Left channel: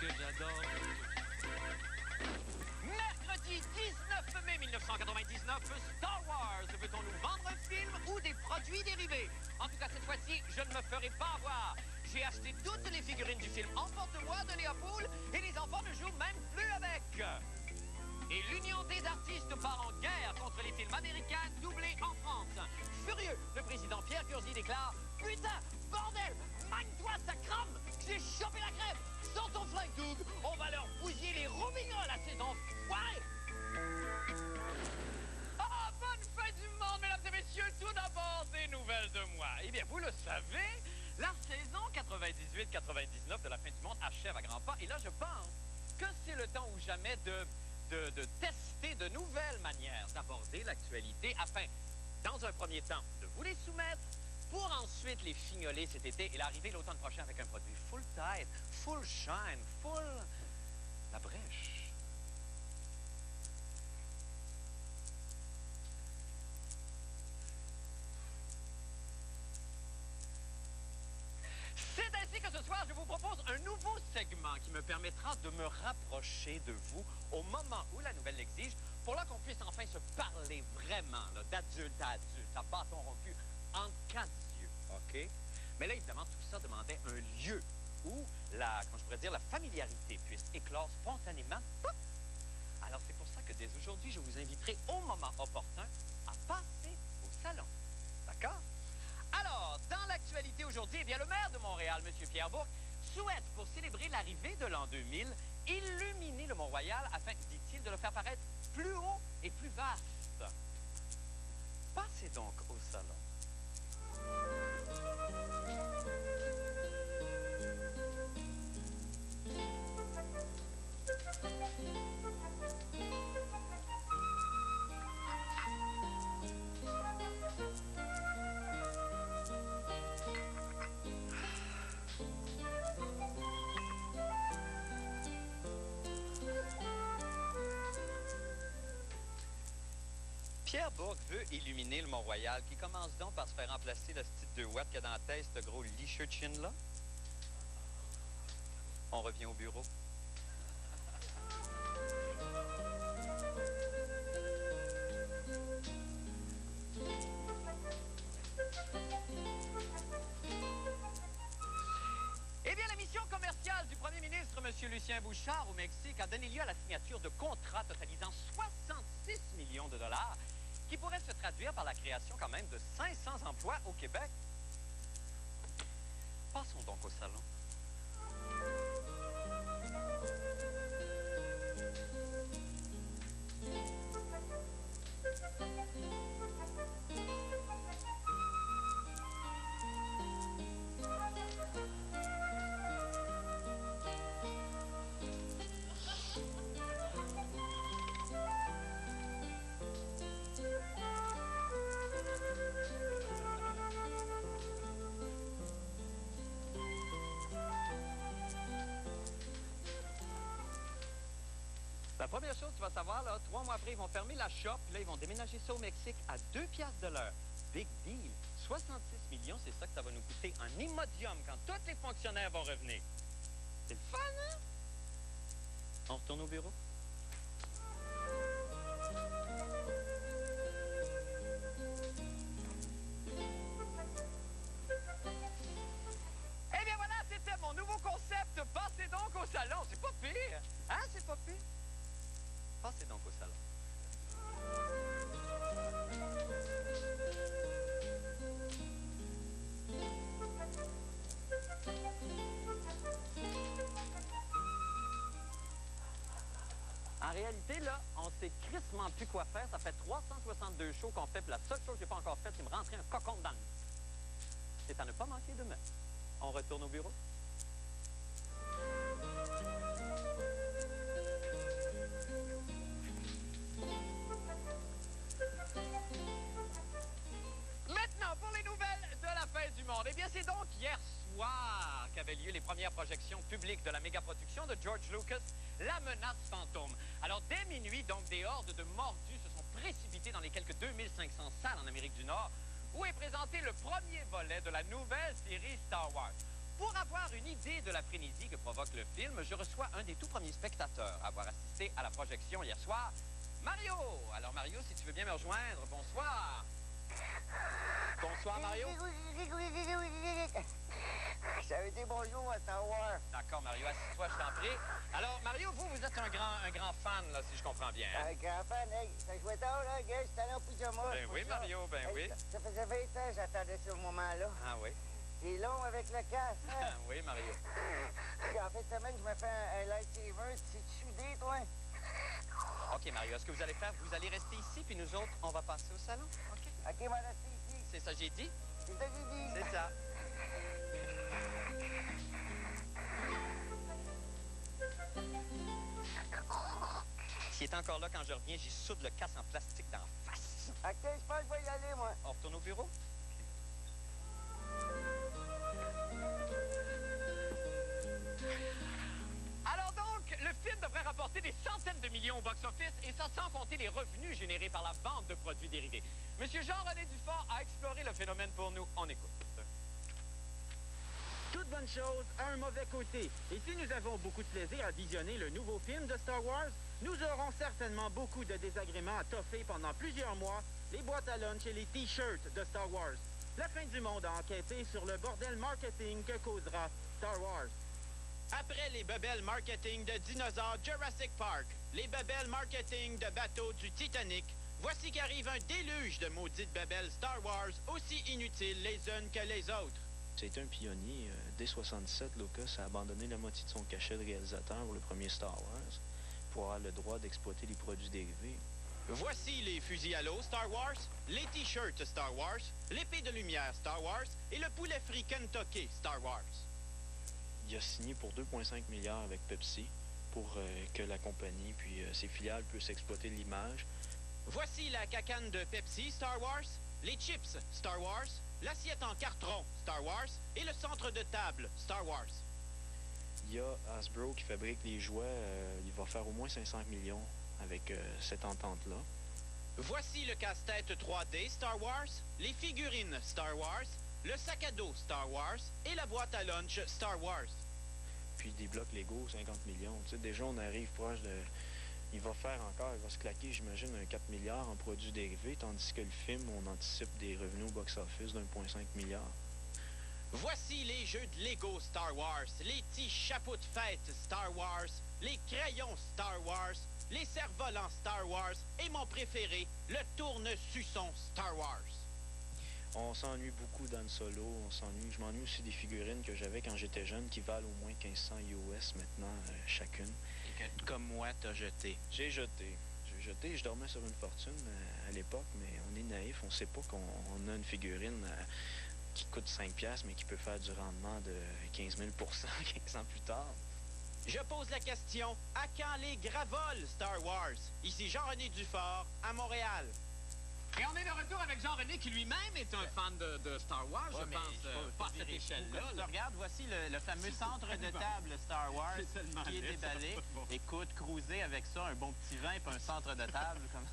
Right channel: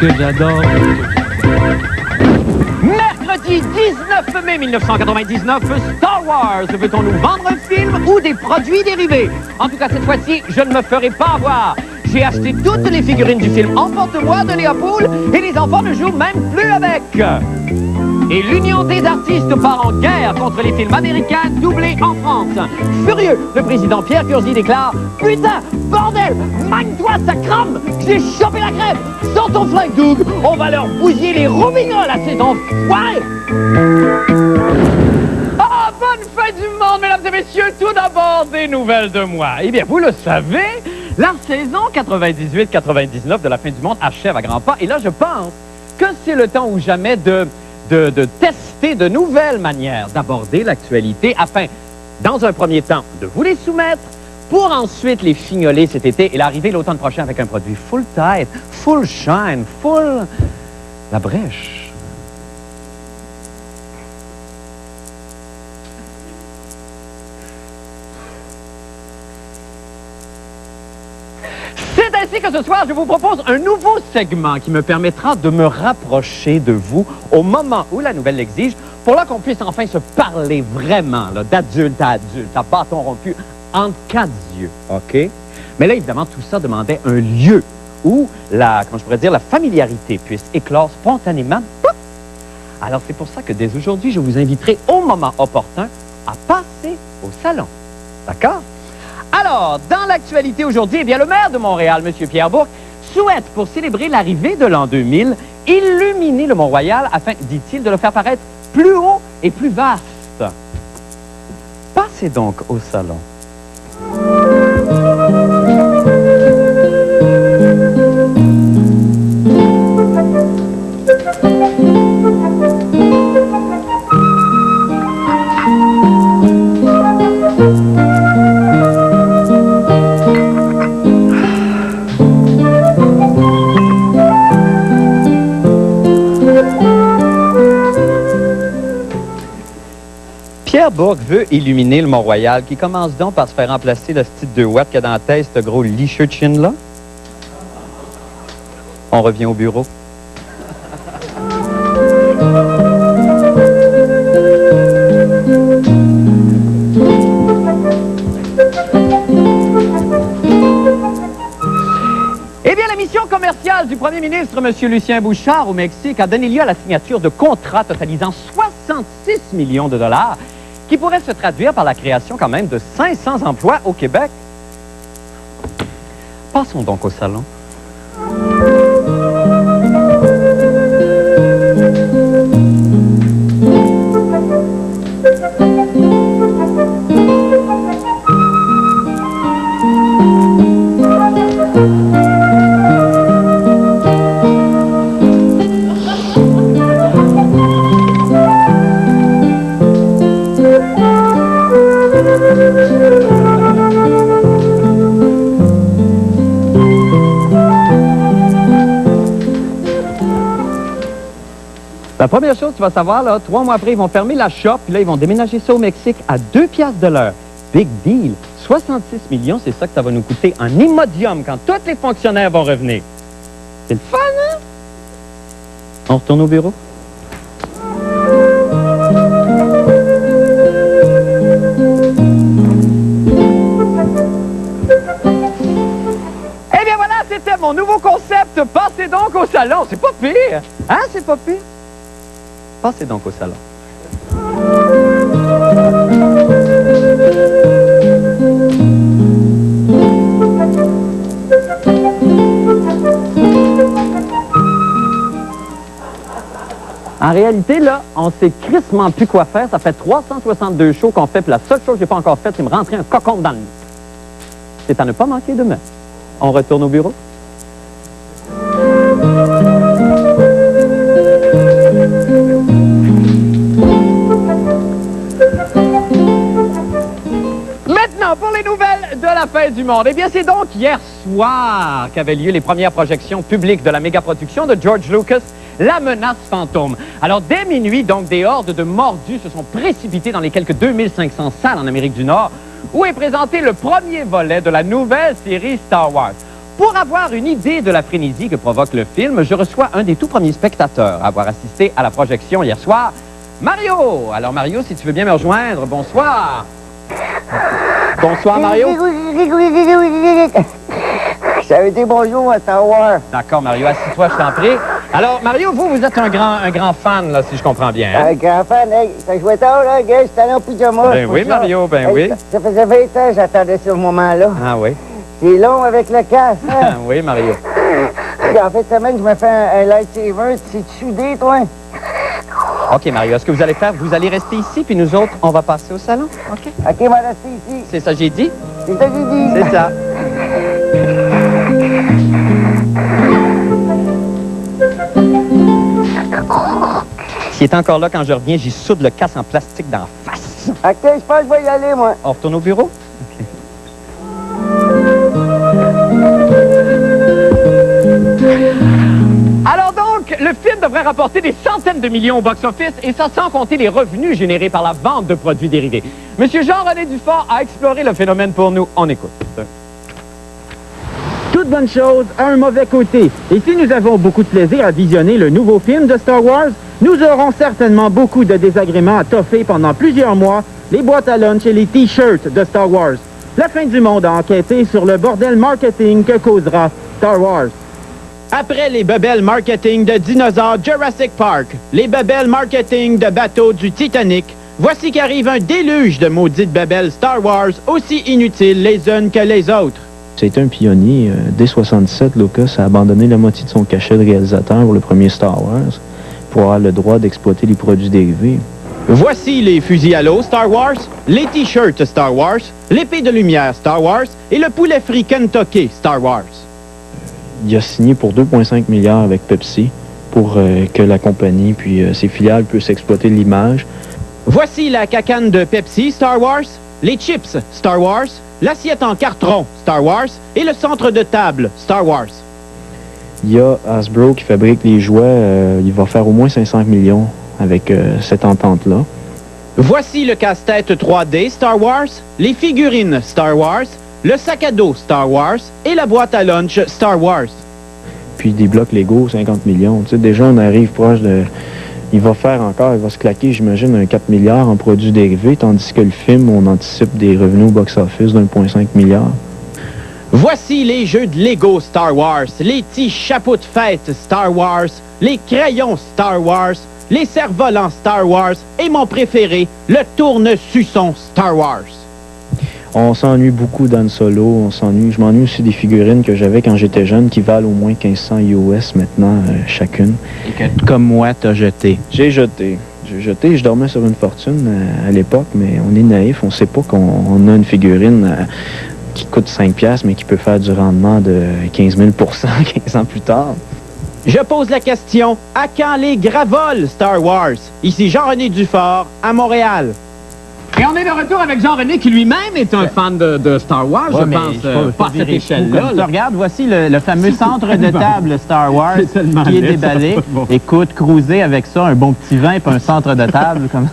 Que j'adore. Mercredi 19 mai 1999, Star Wars. Veut-on nous vendre un film ou des produits dérivés? En tout cas, cette fois-ci, je ne me ferai pas avoir. J'ai acheté toutes les figurines du film Emporte-moi de Léopold et les enfants ne jouent même plus avec. Et l'Union des artistes part en guerre contre les films américains doublés en France. Furieux, le président Pierre Curzi déclare « Putain, bordel, magne-toi, ça crame! J'ai chopé la crève! Sors ton flingue, Doug! On va leur bousiller les roubignoles à ces enfoirés! » Ah, bonne fête du monde, mesdames et messieurs! Tout d'abord, des nouvelles de moi. Eh bien, vous le savez, la saison 98-99 de la fin du monde achève à grands pas. Et là, je pense que c'est le temps ou jamais de tester de nouvelles manières d'aborder l'actualité afin, dans un premier temps, de vous les soumettre pour ensuite les fignoler cet été et l'arriver l'automne prochain avec un produit full tête, full shine, full la brèche. C'est ainsi que ce soir, je vous propose un nouveau segment qui me permettra de me rapprocher de vous au moment où la nouvelle l'exige, pour là qu'on puisse enfin se parler vraiment, d'adulte à adulte, à bâton rompu, entre quatre yeux, OK? Mais là, évidemment, tout ça demandait un lieu où la familiarité puisse éclore spontanément. Alors, c'est pour ça que dès aujourd'hui, je vous inviterai au moment opportun à passer au salon. D'accord? Alors, dans l'actualité aujourd'hui, eh bien, le maire de Montréal, M. Pierre Bourque, souhaite, pour célébrer l'arrivée de l'an 2000, illuminer le Mont-Royal afin, dit-il, de le faire paraître plus haut et plus vaste. Passez donc au salon. Pierre Bourque veut illuminer le Mont-Royal, qui commence donc par se faire remplacer le style 2 watts qu'il y a dans la tête, ce gros licheux-chin-là. On revient au bureau. Eh bien, la mission commerciale du premier ministre, M. Lucien Bouchard, au Mexique, a donné lieu à la signature de contrats totalisant 66 millions de dollars, qui pourrait se traduire par la création quand même de 500 emplois au Québec. Passons donc au salon. La première chose, tu vas savoir, là, 3 mois après, ils vont fermer la shop, puis là, ils vont déménager ça au Mexique à 2 piastres de l'heure. Big deal. 66 millions, c'est ça que ça va nous coûter en Imodium quand tous les fonctionnaires vont revenir. C'est le fun, hein? On retourne au bureau? Eh bien voilà, c'était mon nouveau concept. Passez donc au salon. C'est pas pire. Hein, c'est pas pire? Passez donc au salon. En réalité, là, on sait crissement plus quoi faire. Ça fait 362 shows qu'on fait, puis la seule chose que j'ai pas encore faite, c'est me rentrer un cocon dans le nez. C'est à ne pas manquer demain. On retourne au bureau. Maintenant, pour les nouvelles de la fin du monde. Eh bien, c'est donc hier soir qu'avaient lieu les premières projections publiques de la méga-production de George Lucas, La Menace Fantôme. Alors, dès minuit, donc, des hordes de mordus se sont précipités dans les quelques 2500 salles en Amérique du Nord, où est présenté le premier volet de la nouvelle série Star Wars. Pour avoir une idée de la frénésie que provoque le film, je reçois un des tout premiers spectateurs à avoir assisté à la projection hier soir, Mario. Alors, Mario, si tu veux bien me rejoindre, bonsoir. Bonsoir, Mario. Ça a été bonjour à Star Wars. D'accord, Mario, assis-toi, je t'en prie. Alors, Mario, vous êtes un grand fan, là, si je comprends bien. Hein? Un grand fan, hey, ça jouait tard, là, gars, j'étais allé en pyjama. Ben oui, Mario, ben oui. Ça faisait 20 ans que j'attendais ce moment-là. Ah oui. C'est long avec le casque, hein? Ah oui, Mario. En fait, cette semaine, je me fais un lightsaber. Tu soudé, toi? OK, Mario, ce que vous allez faire, vous allez rester ici, puis nous autres, on va passer au salon. OK? OK, on va rester ici. C'est ça que j'ai dit? C'est ça que j'ai dit. C'est ça. S'il est encore là quand je reviens, j'y soude le casse en plastique d'en face. OK, je pense que je vais y aller, moi. On retourne au bureau? OK. Alors donc, le film devrait rapporter des centaines de millions au box-office, et ça sans compter les revenus générés par la vente de produits dérivés. Monsieur Jean-René Dufort a exploré le phénomène pour nous. On écoute. Toute bonne chose a un mauvais côté. Et si nous avons beaucoup de plaisir à visionner le nouveau film de Star Wars, nous aurons certainement beaucoup de désagréments à toffer pendant plusieurs mois, les boîtes à lunch et les T-shirts de Star Wars. La fin du monde a enquêté sur le bordel marketing que causera Star Wars. Après les bebelles marketing de dinosaures Jurassic Park, les bebelles marketing de bateaux du Titanic, voici qu'arrive un déluge de maudites bebelles Star Wars aussi inutiles les unes que les autres. C'était un pionnier. Dès 1977, Lucas a abandonné la moitié de son cachet de réalisateur pour le premier Star Wars pour avoir le droit d'exploiter les produits dérivés. Voici les fusils à l'eau Star Wars, les T-shirts Star Wars, l'épée de lumière Star Wars et le poulet frit Kentucky Star Wars. Il a signé pour 2,5 milliards avec Pepsi pour que la compagnie puis ses filiales puissent exploiter l'image. Voici la cacane de Pepsi Star Wars, les chips Star Wars, l'assiette en carton Star Wars et le centre de table Star Wars. Il y a Hasbro qui fabrique les jouets. Il va faire au moins 500 millions avec cette entente-là. Voici le casse-tête 3D Star Wars, les figurines Star Wars, le sac à dos Star Wars et la boîte à lunch Star Wars. Puis des blocs Lego, 50 millions. Tu sais, déjà, on arrive proche de... Il va se claquer, j'imagine, un 4 milliards en produits dérivés, tandis que le film, on anticipe des revenus au box-office d'1,5 milliard. Voici les jeux de Lego Star Wars, les petits chapeaux de fête Star Wars, les crayons Star Wars, les cerfs-volants Star Wars et mon préféré, le tourne-suçon Star Wars. On s'ennuie beaucoup d'Han Solo, je m'ennuie aussi des figurines que j'avais quand j'étais jeune qui valent au moins 1500 US maintenant chacune. Et que, comme moi, t'as jeté. J'ai jeté, je dormais sur une fortune à l'époque, mais on est naïf, on sait pas qu'on a une figurine qui coûte 5 piastres, mais qui peut faire du rendement de 15 000 15 ans plus tard. Je pose la question, à quand les gravoles Star Wars? Ici Jean-René Dufort, à Montréal. Et on est de retour avec Jean-René, qui lui-même est un fan de Star Wars, je pense, pas à cette échelle-là. Regarde, voici le fameux centre de table Star Wars qui est déballé. Écoute, cruiser avec ça, un bon petit vin et un centre de table, comme...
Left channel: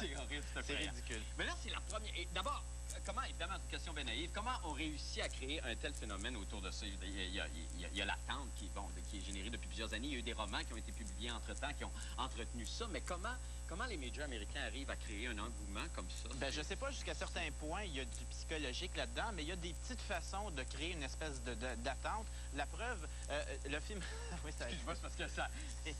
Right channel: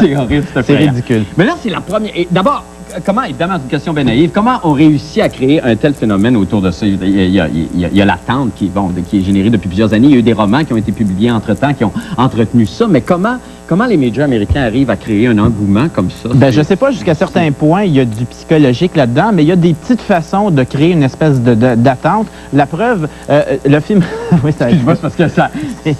C'est horrible, c'est ridicule. Mais là, c'est la première... D'abord, comment, évidemment, c'est une question bien naïve, comment on réussit à créer un tel phénomène autour de ça? Il y a l'attente qui est générée depuis plusieurs années. Il y a eu des romans qui ont été publiés entre-temps, qui ont entretenu ça. Mais comment les majors américains arrivent à créer un engouement comme ça? Ben, je sais pas, jusqu'à certains points, il y a du psychologique là-dedans, mais il y a des petites façons de créer une espèce d'attente. La preuve, le film... oui, ça... Excuse-moi, c'est parce que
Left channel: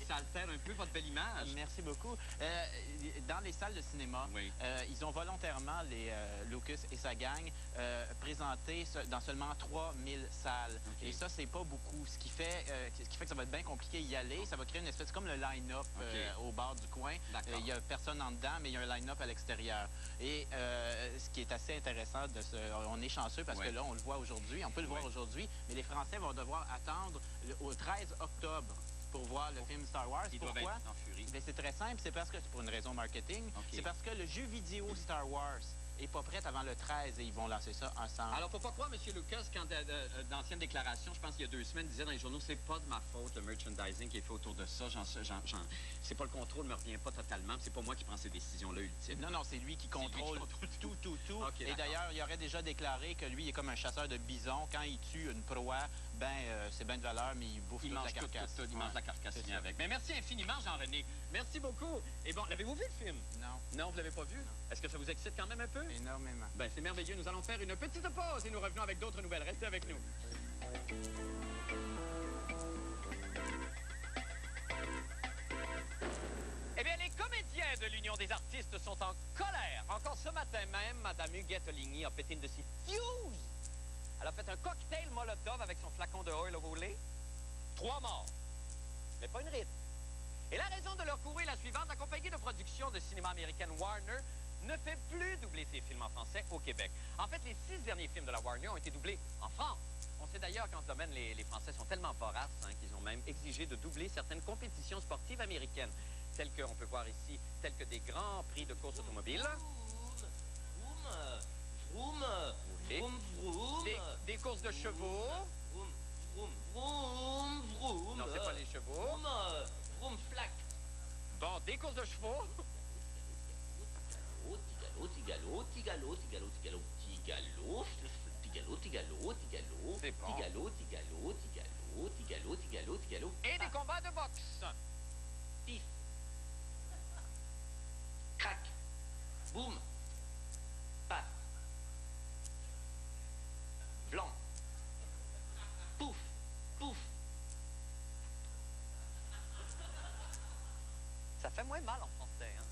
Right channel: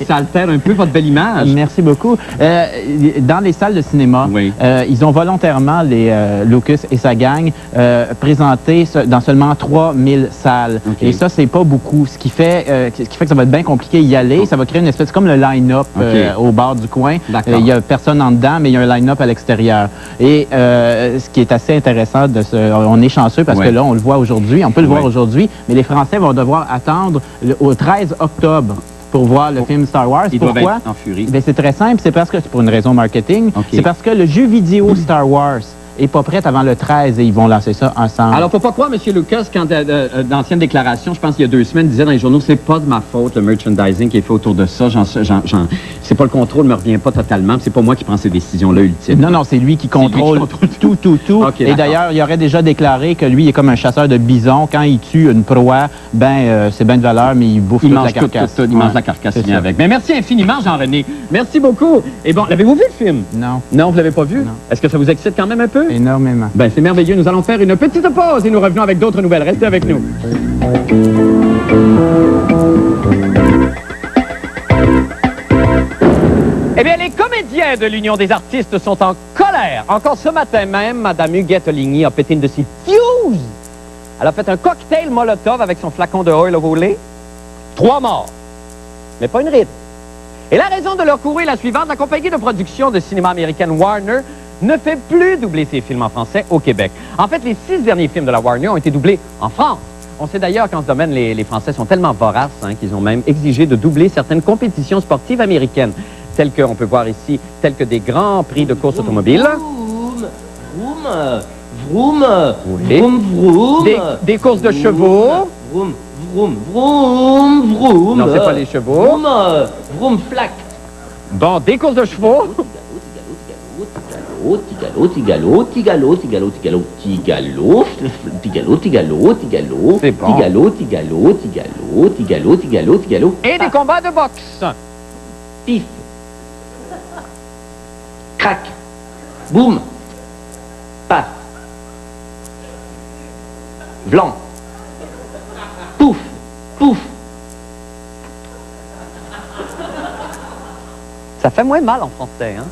Ça altère un peu votre belle image. Merci beaucoup. Dans les salles de cinéma, Oui. ils ont volontairement, Lucas et sa gang, présenté dans seulement 3000 salles. OK. Et ça, c'est pas beaucoup. Ce qui fait que ça va être bien compliqué y aller. Ça va créer une espèce, comme le line-up OK. au bar du coin. D'accord. Il y a personne en dedans, mais il y a un line-up à l'extérieur. Et ce qui est assez intéressant, on est chanceux parce Ouais. que là, on le voit aujourd'hui, on peut le voir Ouais. aujourd'hui, mais les Français vont devoir attendre au 13 octobre pour voir le film Star Wars. Ils doivent Pourquoi? être en furie. Ben, c'est très simple, c'est parce que c'est pour une raison marketing. OK. C'est parce que le jeu vidéo Star Wars est pas prêt avant le 13 et ils vont lancer ça ensemble. Alors, faut pas croire, M. Lucas, quand d'anciennes déclarations, je pense qu'il y a 2 semaines, disait dans les journaux, c'est pas de ma faute, le merchandising qui est fait autour de ça. C'est pas le contrôle, me revient pas totalement. C'est pas moi qui prends ces décisions-là, ultimes. Non, c'est lui qui contrôle contrôle tout. OK, Et d'accord. d'ailleurs, il aurait déjà déclaré que lui, il est comme un chasseur de bisons. Quand il tue une proie, c'est bien de valeur, mais il bouffe Il toute mange la carcasse. il mange Ouais, la carcasse c'est qui vient ça. avec. Mais merci infiniment, Jean-René. Merci beaucoup. Et bon, l'avez-vous vu le film? Non, Non, vous l'avez pas vu? Non. Est-ce que ça vous excite quand même un peu? énormément. Ben, c'est merveilleux. Nous allons faire une petite pause et nous revenons avec d'autres nouvelles. Restez avec nous. Eh bien, les comédiens de l'Union des artistes sont en colère. Encore ce matin même, Mme Huguette Ligny a pété une de ses fuses. Elle a fait un cocktail Molotov avec son flacon de oil of Olay. 3 morts. Mais pas une ride. Et la raison de leur courroux est la suivante. La compagnie de production de cinéma américaine Warner ne fait plus doubler ses films en français au Québec. En fait, les 6 derniers films de la Warner ont été doublés en France. On sait d'ailleurs qu'en ce domaine, les Français sont tellement voraces qu'ils ont même exigé de doubler certaines compétitions sportives américaines, telles que, on peut voir ici, telles que des grands prix de course automobile. Vroom, vroom, Oui. vroom, vroom. Des courses de chevaux. Vroom, vroom, vroom, vroom. Non, c'est pas les chevaux. Vroom, vroom, flac. Bon, des courses de chevaux. Tigalo, tigalo, tigalo, tigalo, tigalo, tigalo, tigalo, tigalo, tigalo, C'est bon. tigalo, tigalo, tigalo, tigalo, tigalo, tigalo. Et des combats de boxe. Pif. Crac. Boum. Paf. Blanc. Pouf. Pouf. Ça fait moins mal en français, hein?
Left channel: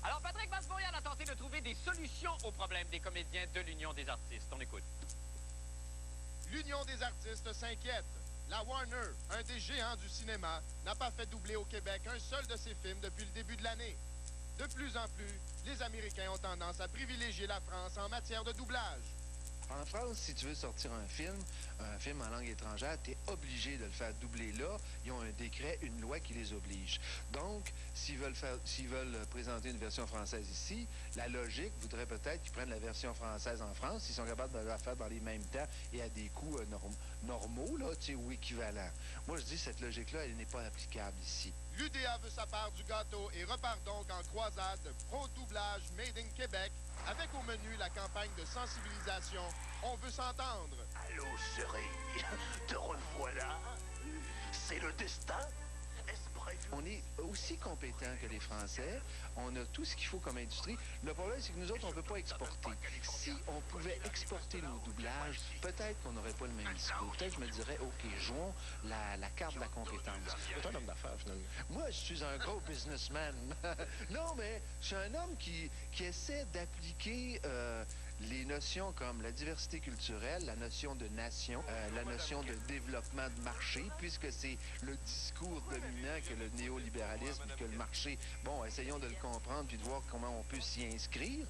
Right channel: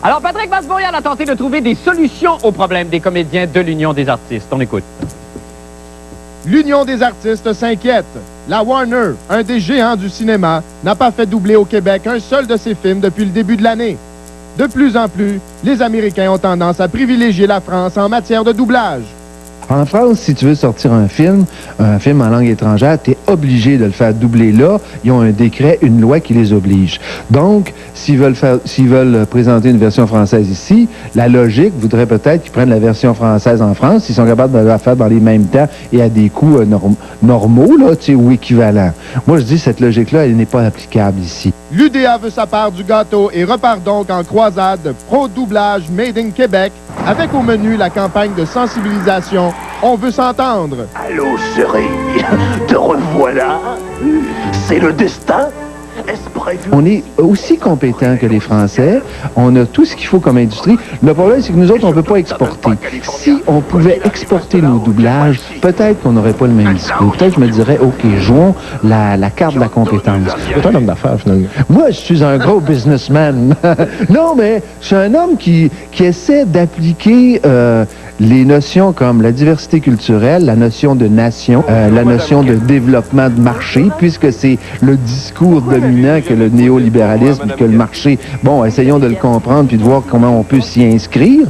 Alors, Patrick Masbourian a tenté de trouver des solutions aux problèmes des comédiens de l'Union des artistes. On écoute. L'Union des artistes s'inquiète. La Warner, un des géants du cinéma, n'a pas fait doubler au Québec un seul de ses films depuis le début de l'année. De plus en plus, les Américains ont tendance à privilégier la France en matière de doublage. En France, si tu veux sortir un film en langue étrangère, tu es obligé de le faire doubler là. Ils ont un décret, une loi qui les oblige. Donc, s'ils veulent présenter une version française ici, la logique voudrait peut-être qu'ils prennent la version française en France, s'ils sont capables de la faire dans les mêmes temps et à des coûts normaux, là, tu sais, ou équivalents. Moi, je dis cette logique-là, elle n'est pas applicable ici. L'UDA veut sa part du gâteau et repart donc en croisade pro-doublage Made in Québec, avec au menu la campagne de sensibilisation « On veut s'entendre ». Allô, chérie, te revoilà. C'est le destin. Est-ce prévu? On est aussi compétents que les Français. On a tout ce qu'il faut comme industrie. Le problème, c'est que nous autres, on ne peut pas exporter. Si on pouvait exporter nos doublages, peut-être qu'on n'aurait pas le même discours. Peut-être je me dirais, OK, jouons la carte de la compétence. C'est un homme d'affaires, finalement. Moi, je suis un gros businessman. Non, mais je suis un homme qui essaie d'appliquer les notions comme la diversité culturelle, la notion de nation, la notion de développement de marché, puisque c'est le discours dominant que le néolibéralisme, que le marché. Bon, essayons de le comprendre puis de voir comment on peut s'y inscrire.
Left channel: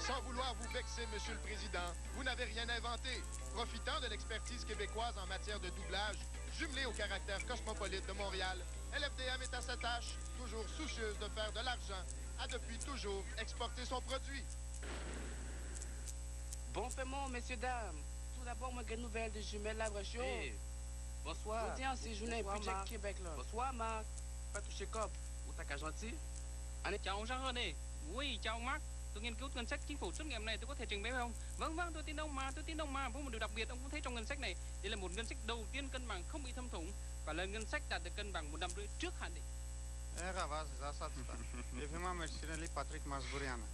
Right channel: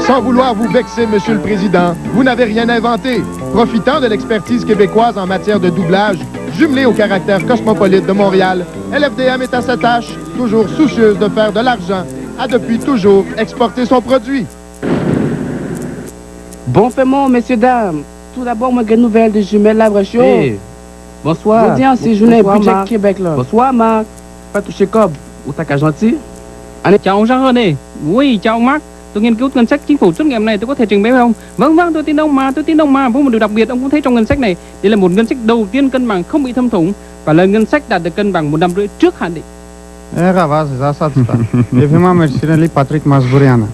Sans vouloir vous vexer, Monsieur le Président, vous n'avez rien inventé. Profitant de l'expertise québécoise en matière de doublage, jumelée au caractère cosmopolite de Montréal, LFDM est à sa tâche, toujours soucieuse de faire de l'argent, a depuis toujours exporté son produit. Bon paiement, messieurs, dames. Tout d'abord, moi, une nouvelle de Jumelles Labre Show. Bonsoir. Audience, c'est journée Bonsoir, budget Marc. Québec, là. Bonsoir, Marc. Pas touché cob. Ou t'as qu'à gentil? Chào ông Jean-René. Oui, chào ông Marc. Tôi nghiên cứu ngân sách chính phủ trước ngày hôm nay, tôi có thể trình bày với ông. Vâng, tôi tin ông mà, Với một điều đặc biệt, ông cũng thấy trong ngân sách này, đây là một ngân sách đầu tiên cân bằng không bị thâm thủng và là ngân sách đạt được cân bằng 1 năm rưỡi trước hạn định. Եղավ, ասած տա։ Եվ հիմա մեր սիրելի Պատրիկ Մազբուրյանը։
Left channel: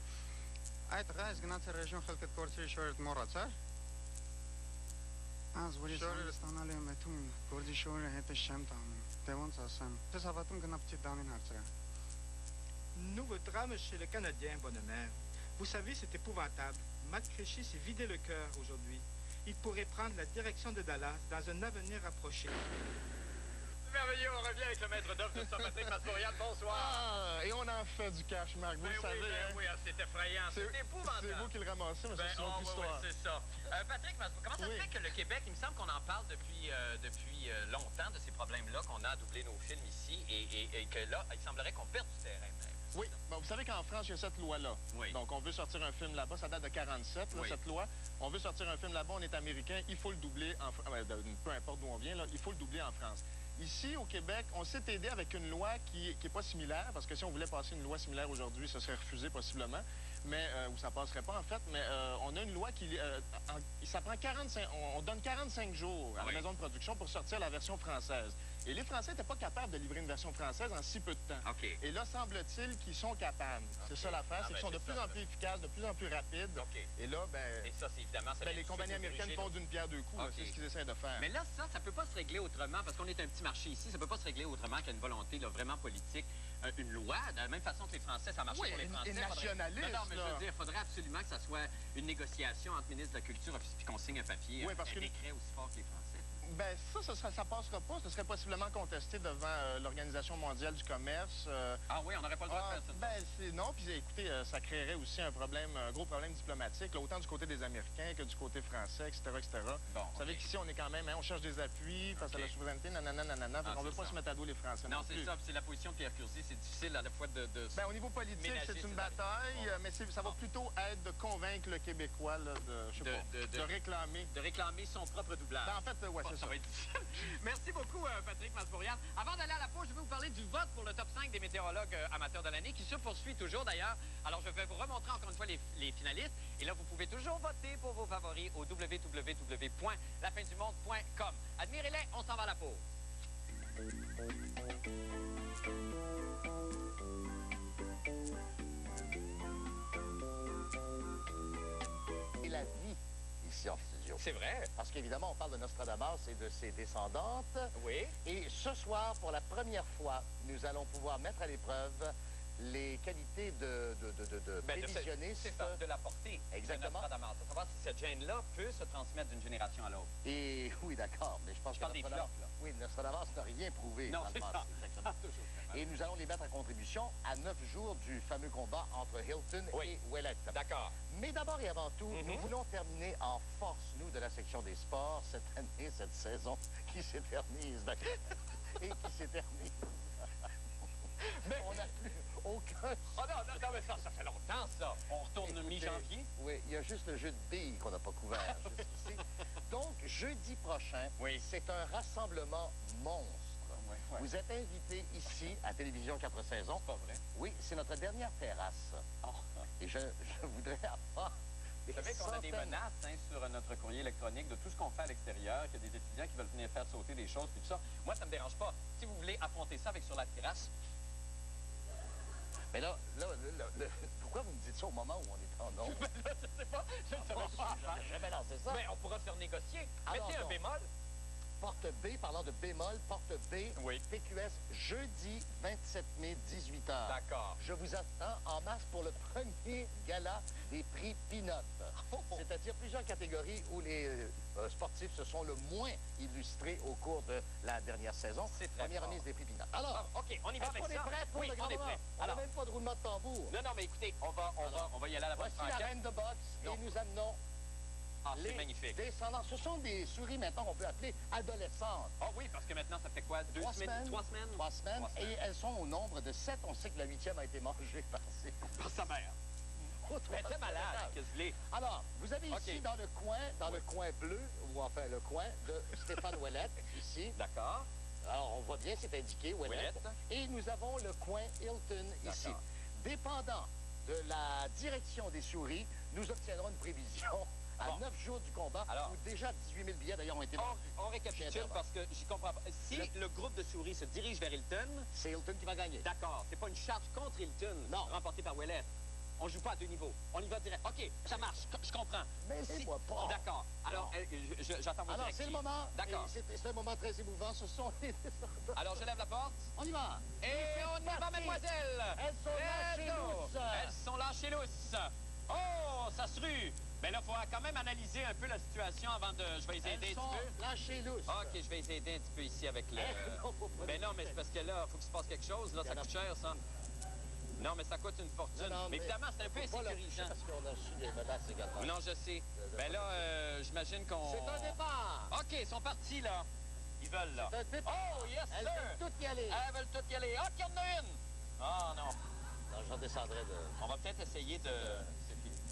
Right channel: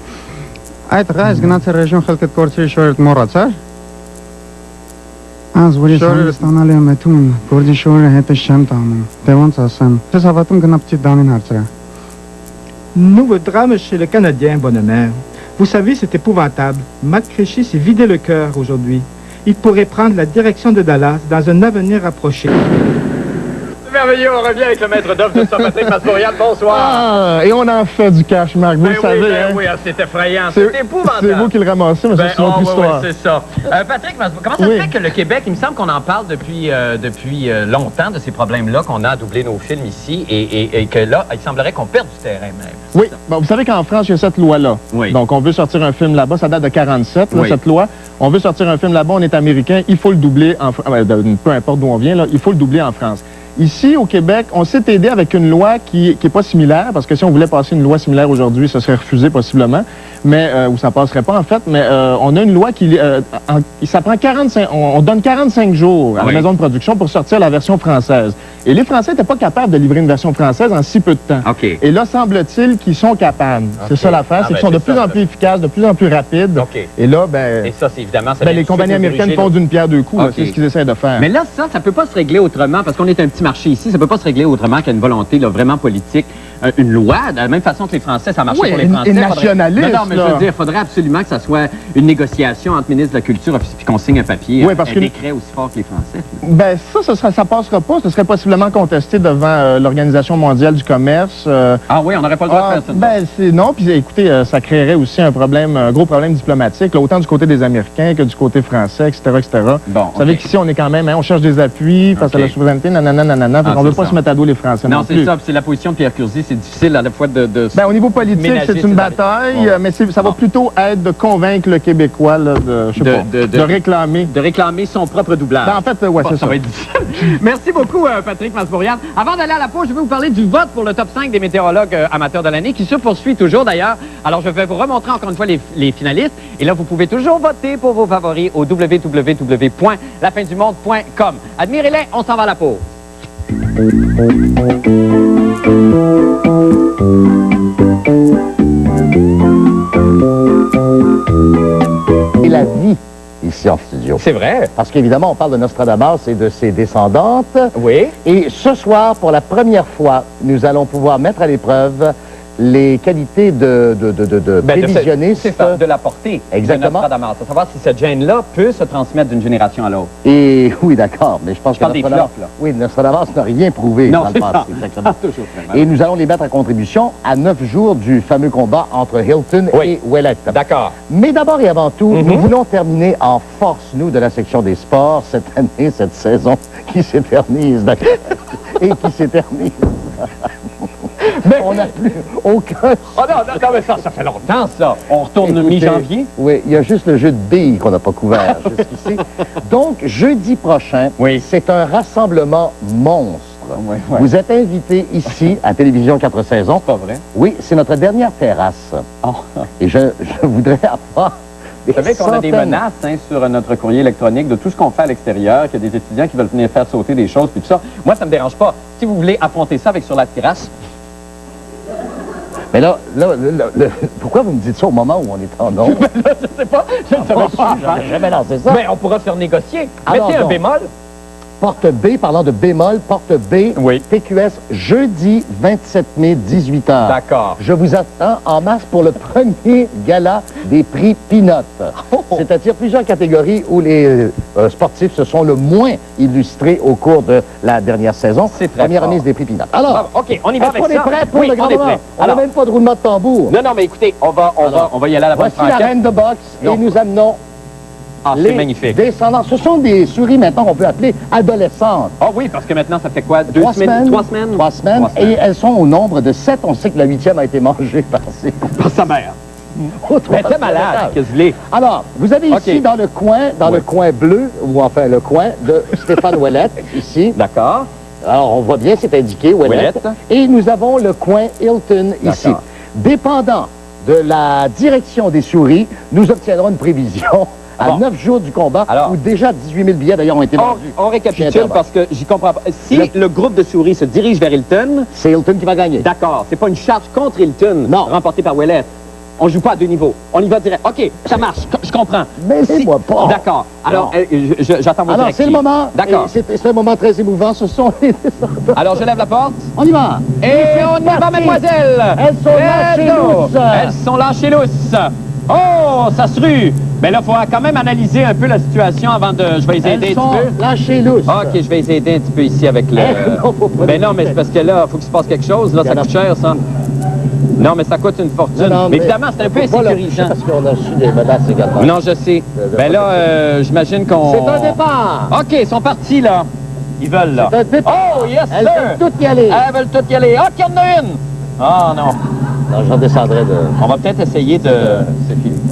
Այդ ղայս գնացել ռեժիոն խելքդ կորցրի շորդ մոռացար։ Az vori Sangistan ale metum, Gordi Shore hete Shantam, Devon Sasan, Tesavatum Ganapti Danin Hartra. Nouveau drame chez le Canadien, bonne mère. Vous savez, c'est épouvantable. Matt Crichy s'est vidé le cœur aujourd'hui. Il pourrait prendre la direction de Dallas dans un avenir rapproché. Merveilleux, on revient avec le maître d'œuvre de ça, Patrick Masbourian. Bonsoir. Ah, et on en fait du cash, Marc, vous le savez, hein? Oui, c'est effrayant, c'est épouvantable. C'est vous qui le ramassez, mais c'est une autre histoire. Oui, c'est ça. Patrick, comment ça se fait que le Québec, il me semble qu'on en parle depuis longtemps de ces problèmes-là, qu'on a à doubler nos films ici, et que là, il semblerait qu'on perde du terrain même. Oui, bon, vous savez qu'en France, il y a cette loi-là. Oui. Donc, on veut sortir un film là-bas, ça date de 47, là, Oui. cette loi. On veut sortir un film là-bas, on est américain, il faut le doubler, peu importe d'où on vient, là, il faut le doubler en France. Ici, au Québec, on s'est aidé avec une loi qui est pas similaire, parce que si on voulait passer une loi similaire aujourd'hui, ça serait refusé possiblement, mais ou ça passerait pas en fait, mais on a une loi qui ça prend 45, on donne 45 jours à la maison de production pour sortir la version française. Et les Français n'étaient pas capables de livrer une version française en si peu de temps. OK. Et là, semble-t-il qu'ils sont capables. C'est ça l'affaire, c'est qu'ils sont de plus en plus efficaces, de plus en plus rapides. OK. Et là, Et ça, c'est évidemment... ça ben, vient les tout de compagnies suite nous américaines diriger font d'une pierre deux coups, là, OK. c'est ce qu'ils essaient de faire. Mais là, ça peut pas se régler autrement, parce qu'on est un petit marché ici, ça peut pas se régler autrement qu'à une volonté là, vraiment politique. Une loi, de la même façon que les Français, ça marche Oui, pour les Français. et nationaliste, Non, mais je veux dire, il faudrait absolument que ça soit une négociation entre ministres de la Culture puis qu'on signe un papier, Oui, parce un que- décret aussi fort que les Français. Ben ça passera pas. Ce serait possiblement contesté devant l'Organisation mondiale du commerce. Ah oui, on n'aurait pas le droit de faire ça. Non, puis écoutez, ça créerait aussi un gros problème diplomatique, là, autant du côté des Américains que du côté français, etc., etc. Bon, Vous savez qu'ici, on est quand même, on cherche des appuis face à la souveraineté, nanana, nanana, fait qu'on c'est veut pas ça. se mettre à dos les Français non Non, c'est plus. ça, puis c'est la position de Pierre Curzi, c'est difficile à la fois de Ben, au niveau politique, ménager c'est une ces bataille, Bon. mais ça va plutôt être de convaincre le Québécois là, de réclamer. de réclamer son propre doublage. Ben, en fait, ouais, c'est ça. va être difficile. Merci beaucoup, Patrick Masbourian. Avant d'aller à la pause, je vais vous parler du vote pour le top 5 des météorologues amateurs de l'année, qui se poursuit toujours d'ailleurs. Alors, je vais vous remontrer encore une fois les finalistes. Et là, vous pouvez toujours voter pour vos favoris au www.lafindumumonde.com. Admirez-les, on s'en va à la pause. Et la vie ici en studio. C'est vrai. Parce qu'évidemment, on parle de Nostradamus et de ses descendantes. Oui. Et ce soir, pour la première fois, nous allons pouvoir mettre à l'épreuve les qualités de prévisionniste. C'est ça, de la portée. Exactement. De Nostradamus. À savoir si cette gène-là peut se transmettre d'une génération à l'autre. Et oui, d'accord, mais je pense que parle des Nostradamus, flops, là. oui, Nostradamus n'a rien prouvé Non, dans le c'est passé. ça. Exactement. Toujours très mal. Et nous allons les mettre à contribution à 9 jours du fameux combat entre Hilton et Ouellette. D'accord. Mais d'abord et avant tout, nous voulons terminer en force, nous, de la section des sports, cette année, cette saison qui s'éternise. Et qui s'éternise. On n'a plus aucun... Oh non, mais ça fait longtemps, ça. On retourne Écoutez, mi-janvier. Oui, il y a juste le jeu de billes qu'on n'a pas couvert jusqu'ici. Donc, jeudi prochain, c'est un rassemblement monstre. Ouais. Vous êtes invités ici, à Télévision 4 saisons. C'est pas vrai. Oui, c'est notre dernière terrasse. Et je voudrais avoir... Vous savez qu'on a des centaines. menaces sur notre courrier électronique de tout ce qu'on fait à l'extérieur, qu'il y a des étudiants qui veulent venir faire sauter des choses, puis tout ça. Moi, ça me dérange pas. Si vous voulez affronter ça avec sur la terrasse... Mais là, pourquoi vous me dites ça au moment où on est en ondes? Je sais pas. Je ne savais pas. J'aurais jamais lancé ça. Mais on pourra se faire négocier. Alors Mettez un donc. bémol. Porte B, parlant de bémol, porte B, TQS, jeudi 27 mai, 18h. D'accord. Je vous attends en masse pour le premier gala des prix Peanut. C'est-à-dire plusieurs catégories où les sportifs se sont le moins illustrés au cours de la dernière saison. C'est très Première fort. remise des prix Peanut. Alors, OK, on y va est-ce avec qu'on ça. est prêt pour Oui, le grand on est moment? prêt. On n'a Alors- même pas de roulement de tambour. Non, mais écoutez, on va y aller à la bonne Voici la franquette. reine de boxe Non. et nous amenons Ah, c'est les magnifique. descendants. Ce sont des souris maintenant qu'on peut appeler adolescentes. Ah oui, parce que maintenant, ça fait quoi? 3 semaines. 3 semaines? 3 semaines. Et elles sont au nombre de 7. On sait que la 8e a été mangée par ses... Par sa mère. Mais Mais t'es malade, qu'est-ce que l'est? Alors, vous avez ici OK. dans le coin bleu, ou enfin le coin de Stéphane Ouellette, ici. D'accord. Alors, on voit bien, c'est indiqué, Ouellette. Ouellette. Et nous avons le coin Hilton ici. D'accord. Dépendant de la direction des souris, nous obtiendrons une prévision à Bon. 9 jours du combat, Alors. où déjà 18 000 billets d'ailleurs ont été vendus. On récapitule parce que j'y comprends pas. Si le groupe de souris se dirige vers Hilton, c'est Hilton qui va gagner. D'accord. C'est pas une charge contre Hilton Non. remportée par Ouellette. On joue pas à deux niveaux. On y va direct. OK, ça marche. Je comprends. Mêlez-moi pas. D'accord. Alors, j'attends vos Alors, directives. c'est le moment. D'accord. Et c'est un moment très émouvant. Ce sont les descendants. Alors, je lève la porte. On y va. Et on y va, mademoiselle. Elles sont lâchées lousses. Elles sont lâchées lousses. Oh, ça se rue. Mais là, il faut quand même analyser un peu la situation avant de... Je vais les aider Elles un sont petit peu. lâchées lousses. OK, je vais les aider un petit peu ici avec le... Non, faut pas Ben non, mais c'est parce que là, il faut qu'il se passe quelque chose. Là, ça coûte cher, ça. Non, mais ça coûte une fortune. Non, mais évidemment, c'est un peu insécurisant. Parce qu'on a reçu des menaces également. Non, je sais. Ben là, j'imagine qu'on... C'est un départ. OK, ils sont partis, là. Ils veulent, là. C'est un départ. Oh, yes, Elles sir. veulent toutes y aller. Elles veulent toutes y aller. Ah, qu'il y en a une. Ah, non. Non, j'en descendrai de... On va peut-être essayer de...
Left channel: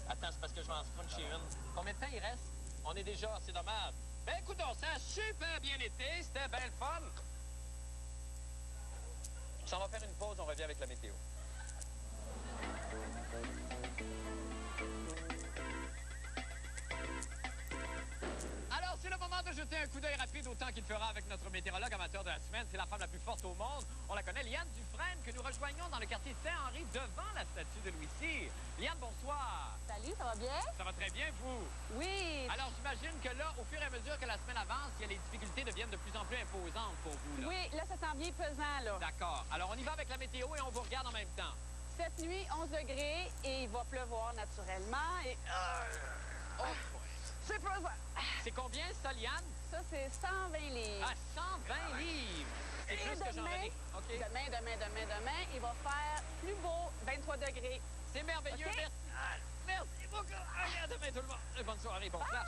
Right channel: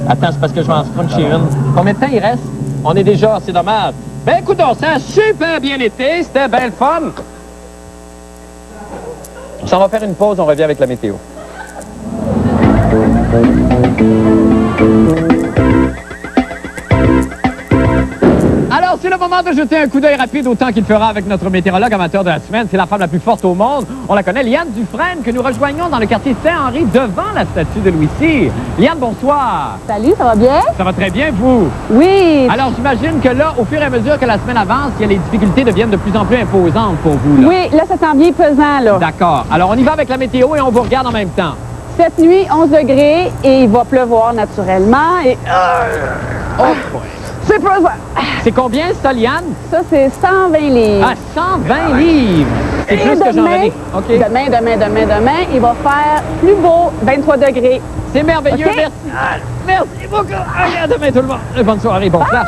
Attends, c'est parce que je vais en scruncher une. Combien de temps il reste? On est déjà... C'est dommage. Ben, écoute, ça a super bien été. C'était bien le fun. On va faire une pause. On revient avec la météo. Alors, c'est le moment de jeter un coup d'œil rapide au temps qu'il fera avec notre météorologue amateur de la semaine. C'est la femme la plus forte au monde. On la connaît, Liane Dufresne, que nous rejoignons dans le quartier Saint-Henri, devant la statue de Louis Cyr. Liane, bonsoir. Salut, ça va bien? Ça va très bien, vous? Oui. Alors, j'imagine que là, au fur et à mesure que la semaine avance, les difficultés deviennent de plus en plus imposantes pour vous, là. Oui, là, ça s'en vient pesant, là. D'accord. Alors, on y va avec la météo et on vous regarde en même temps. Cette nuit, 11 degrés et il va pleuvoir naturellement. Et... Oh, c'est pesant. c'est combien, ça, Liane? Ça, c'est 120 livres. Ah, 120 livres! C'est plus que j'en ai. OK. Demain, il va faire plus beau, 23 degrés. C'est merveilleux, OK? merci. Merci beaucoup. À demain, tout le monde. Bonne soirée, bon flash.